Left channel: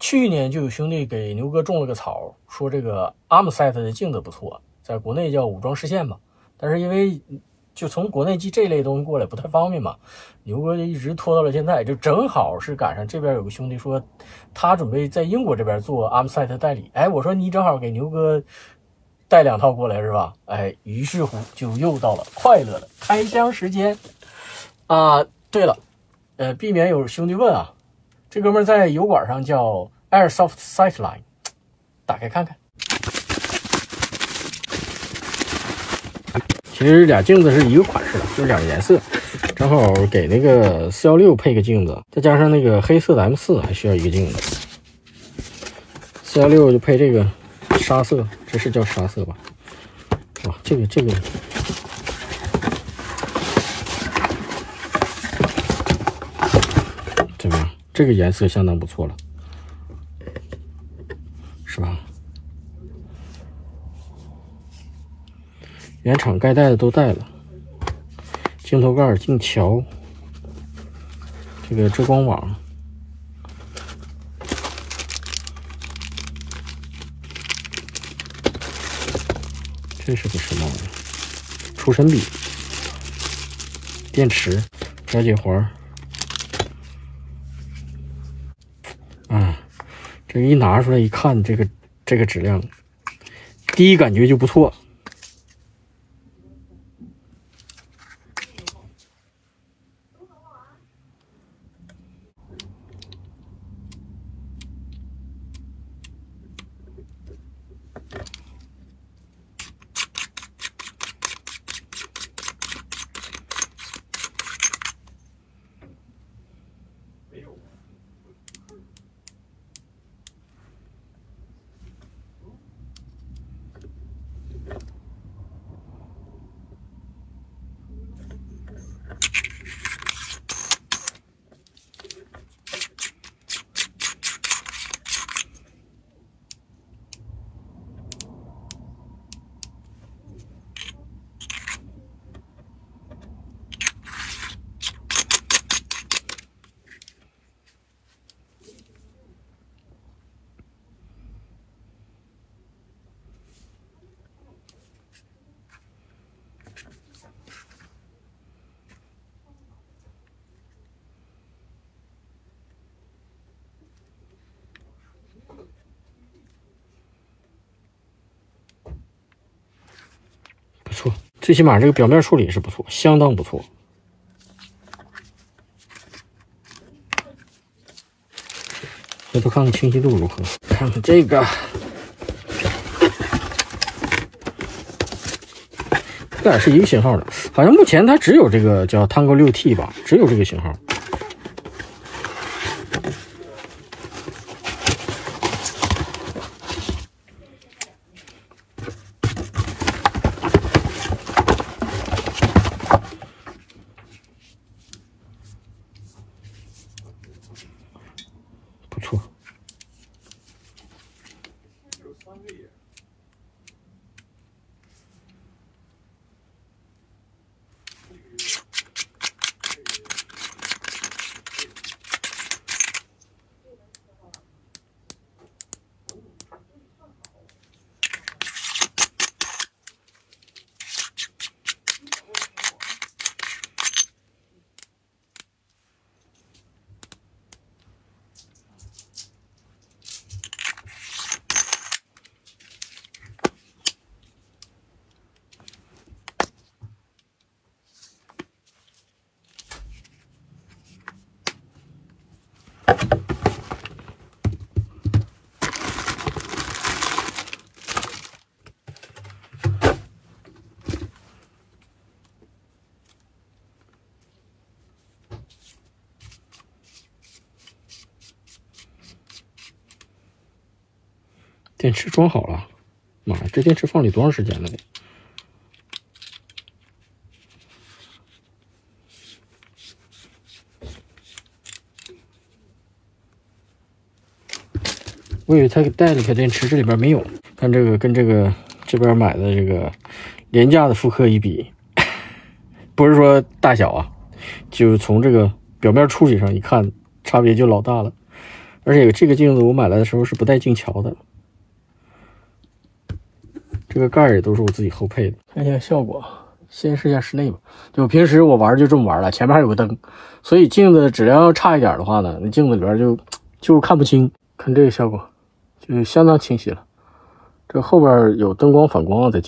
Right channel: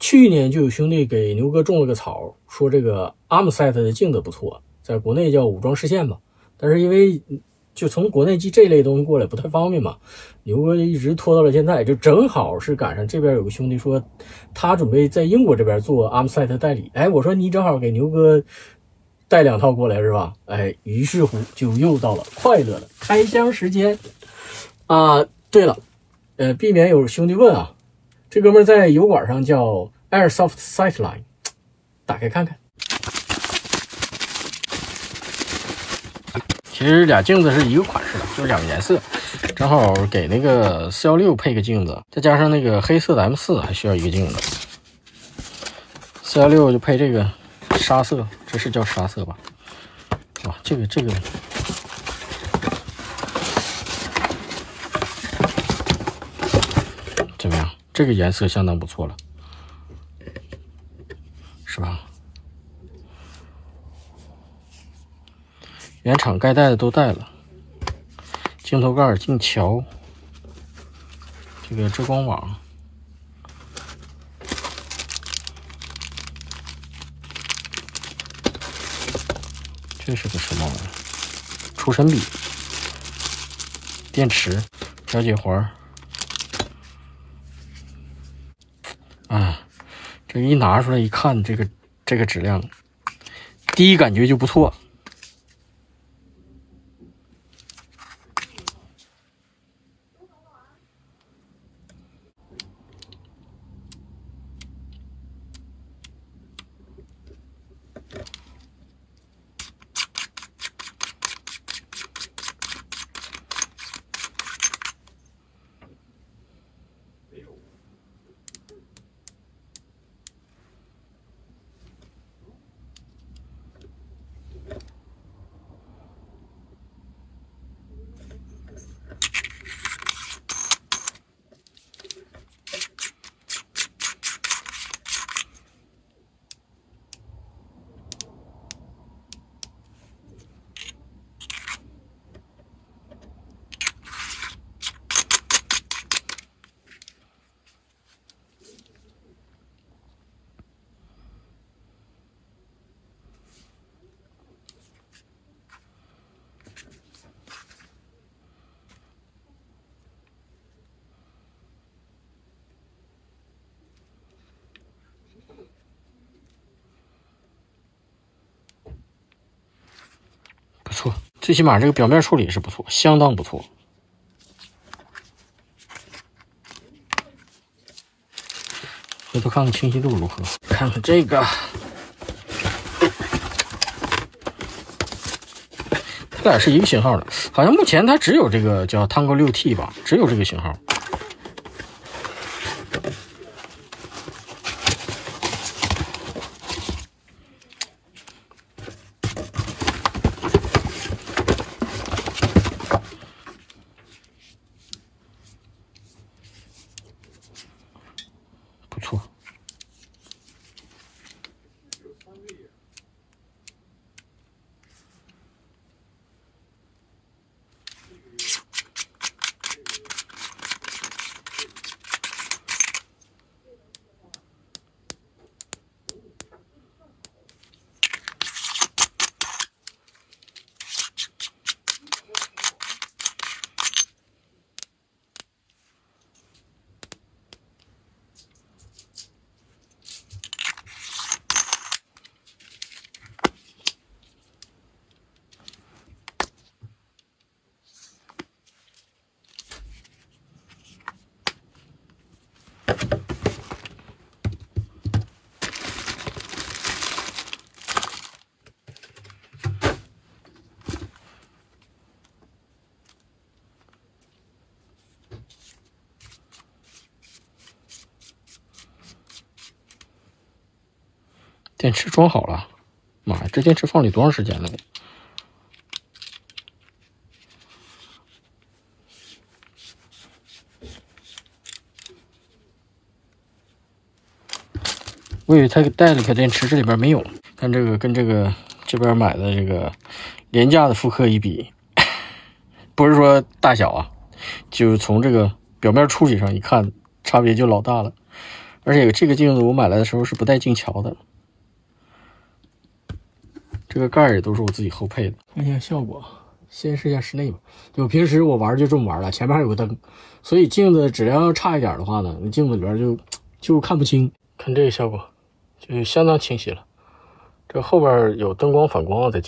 去年就有兄弟给牛哥种了个草，说这个 ARMSET 的镜子不错，在国内叫武装视线吧，但是因为就从国内寄这类东西过来不太方便嘛，牛哥就一直拖到了现在，就正好是赶上这边有个兄弟说他准备在英国这边做 ARMSET 代理，哎，我说你正好给牛哥带2套过来是吧？哎，于是乎就又到了快乐的开箱时间啊！对了，避免有兄弟问啊，这哥们在油管上叫 Airsoft Sightline， 打开看看。其实俩镜子是一个款式的，就是2个颜色，正好给那个416配个镜子，再加上那个黑色的 M4还需要一个镜子。416就配这个沙色，这是叫沙色吧？哇，这个怎么样？这个颜色相当不错了，是吧？原厂该带的都带了，镜头盖、镜桥，这个遮光网，这是个什么玩意儿？除尘笔、电池、调节环。啊，这一拿出来一看，这个质量，第一感觉就不错。不错，最起码这个表面处理是不错，相当不错。回头看看清晰度如何，看看这个，这俩是一个型号的，好像目前它只有这个叫 Tango 6T 吧，只有这个型号。不错，电池装好了，妈呀，这电池放里多长时间了？我以为他给带了个电池，这里边没有。看这个跟这个这边买的这个廉价的复刻一比，不是说大小啊，就从这个表面处理上一看，差别就老大了。而且这个镜子我买来的时候是不带镜桥的，这个盖儿也都是我自己后配的。看一下效果，先试一下室内吧。就平时我玩就这么玩了，前面还有个灯，所以镜子质量要差一点的话呢，那镜子里边就看不清。看这个效果，就相当清晰了。这后边有灯光反光在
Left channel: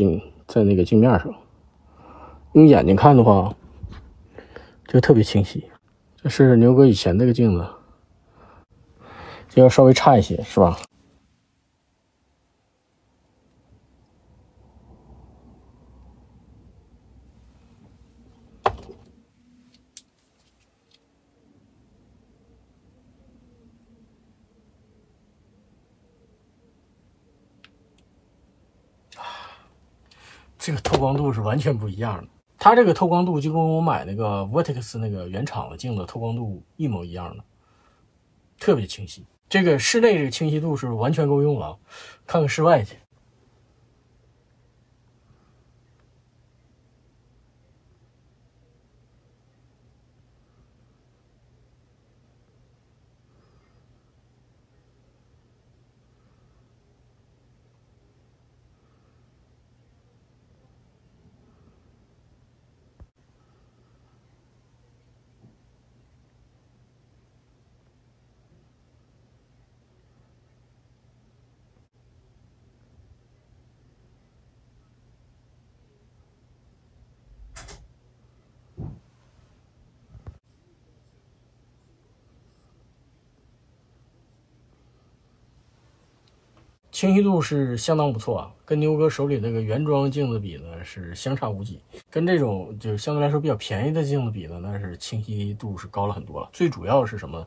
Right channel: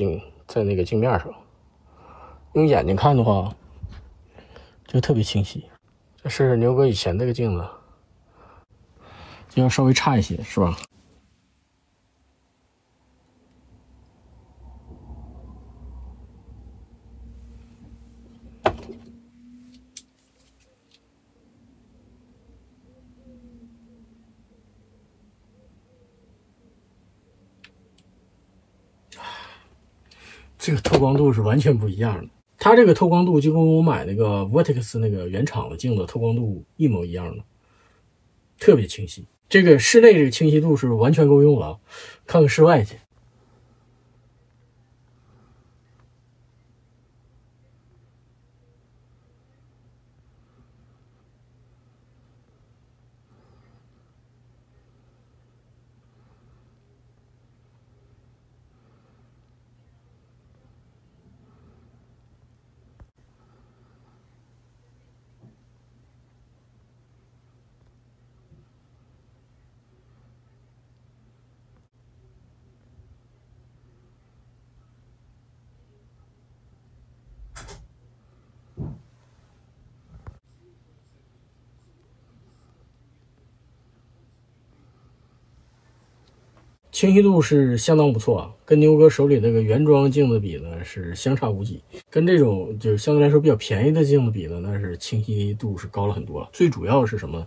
那个镜面上，用眼睛看的话，就特别清晰。这是牛哥以前这个镜子，就要稍微差一些，是吧？这个透光度是完全不一样的。它这个透光度就跟我买那个 Vortex 那个原厂的镜子透光度一模一样的，特别清晰。这个室内这个清晰度是完全够用了啊！看看室外去。清晰度是相当不错啊，跟牛哥手里那个原装镜子比呢是相差无几，跟这种就相对来说比较便宜的镜子比呢，那是清晰度是高了很多了。最主要是什么？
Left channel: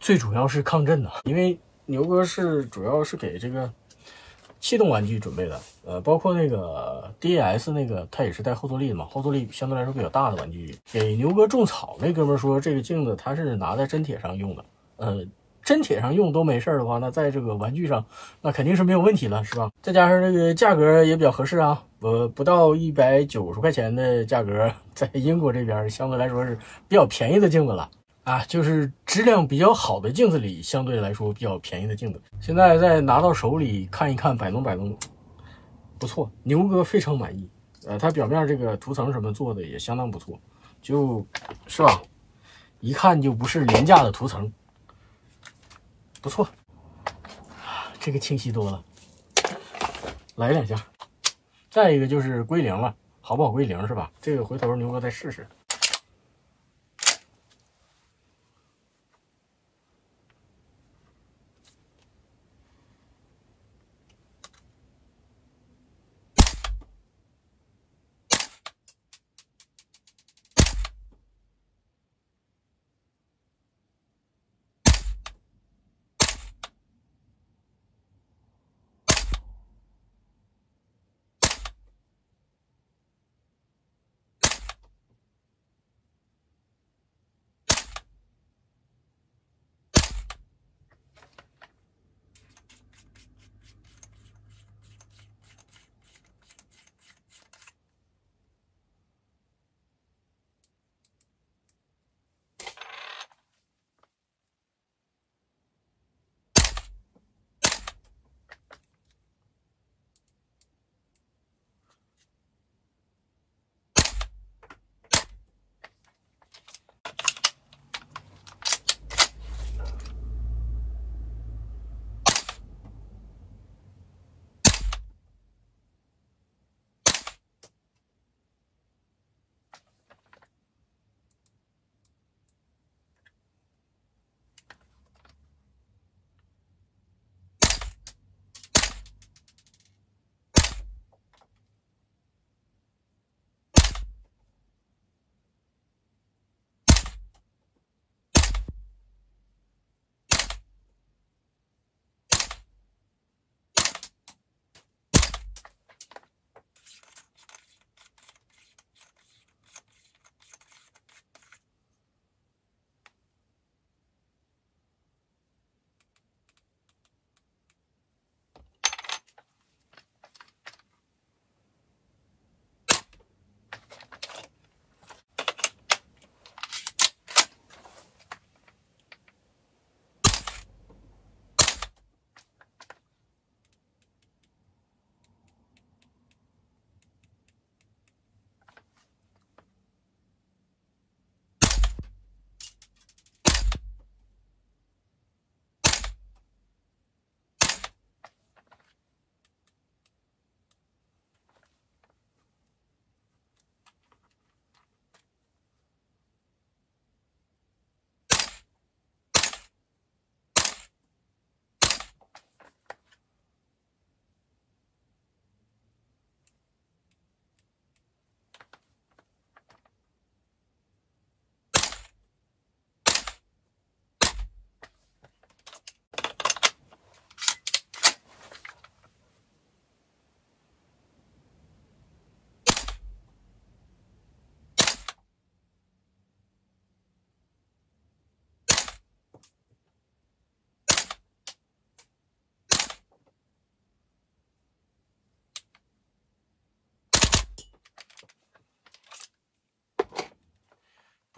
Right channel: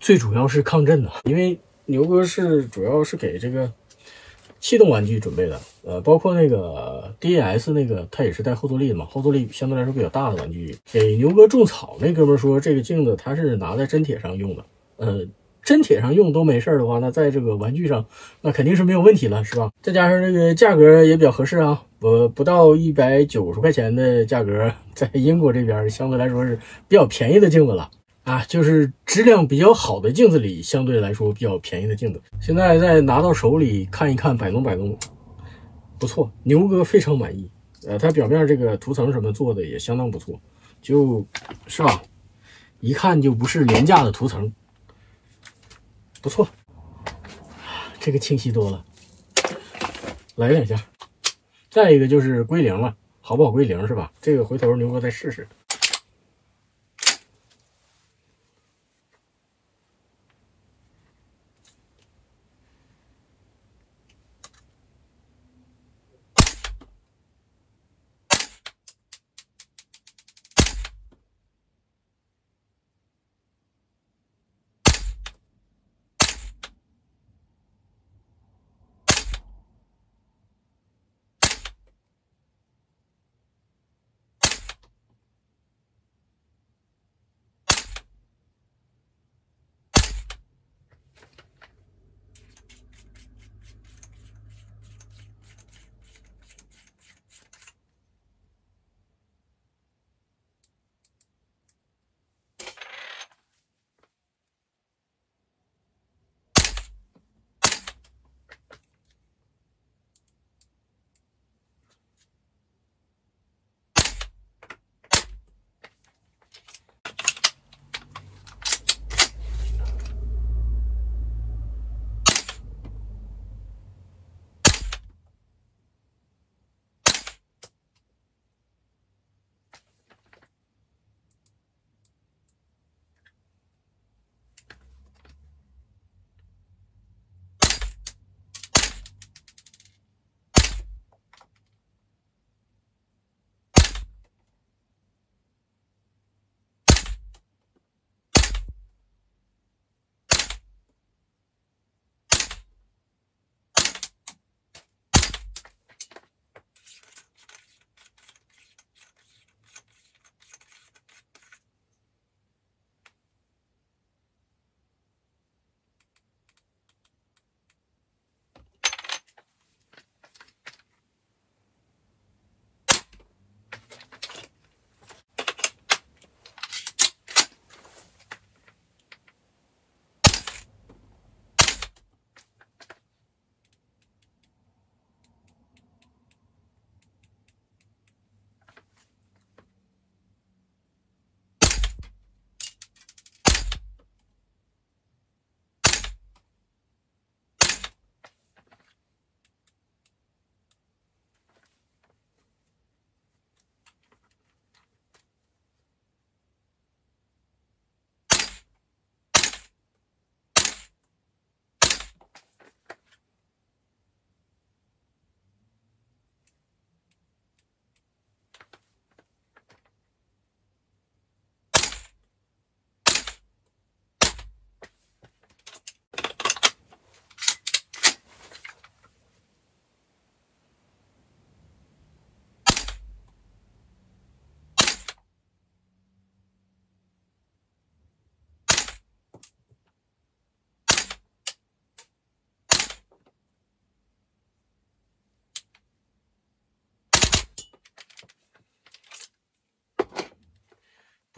最主要是抗震呐，因为牛哥是主要是给这个气动玩具准备的，包括那个 DAS 那个，它也是带后坐力的嘛，后坐力相对来说比较大的玩具。给牛哥种草那哥们说，这个镜子它是拿在真铁上用的，真铁上用都没事的话，那在这个玩具上那肯定是没有问题了，是吧？再加上这个价格也比较合适啊，不到190块钱的价格，在英国这边相对来说是比较便宜的镜子了啊，就是质量比较好的镜子里相对来说比较便宜的镜子。现在再拿到手里看一看，摆弄摆弄，不错，牛哥非常满意。它表面这个涂层什么做的也相当不错，就是吧？一看就不是廉价的涂层。不错，这个清晰多了，来两下。再一个就是归零了，好不好归零是吧？这个回头牛哥再试试。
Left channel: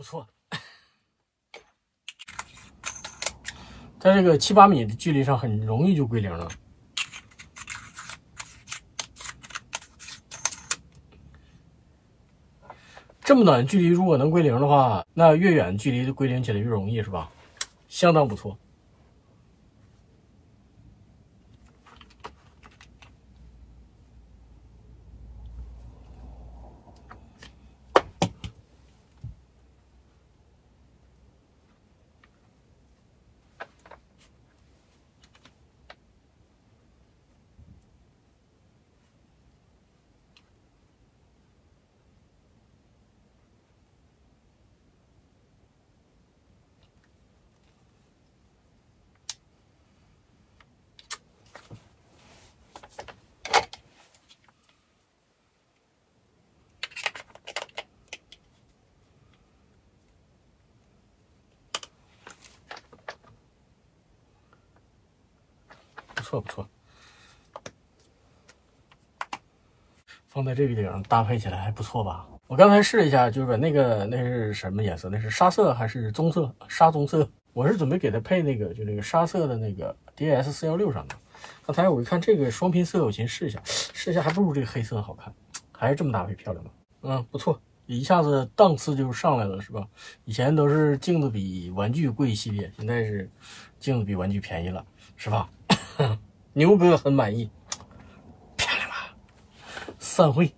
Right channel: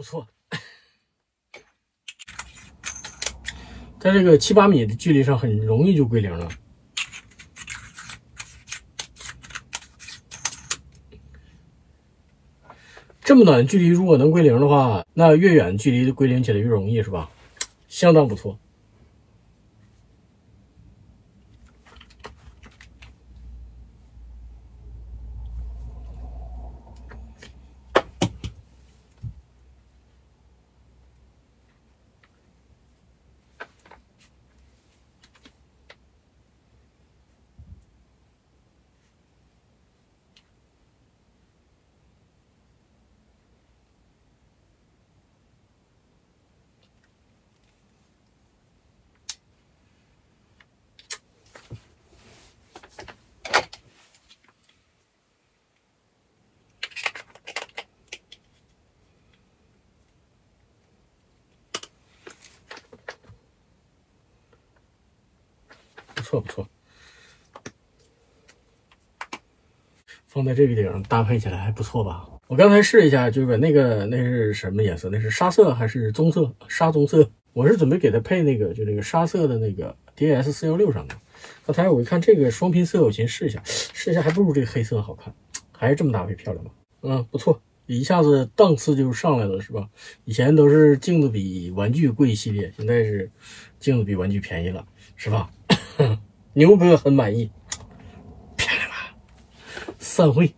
错。在这个7、8米的距离上，很容易就归零了。这么短的距离，如果能归零的话，那越远距离归零起来越容易，是吧？相当不错。不错，放在这个顶上搭配起来还不错吧？我刚才试一下，就是把那是什么颜色？那是沙色还是棕色？沙棕色。我是准备给它配那个就那个沙色的那个 DS416上的。刚才我一看这个双拼色，我寻思试一下还不如这个黑色好看，还是这么搭配漂亮吧？不错，一下子档次就上来了，是吧？以前都是镜子比玩具贵系列，现在是镜子比玩具便宜了，是吧？牛哥很满意，漂亮吧？散会。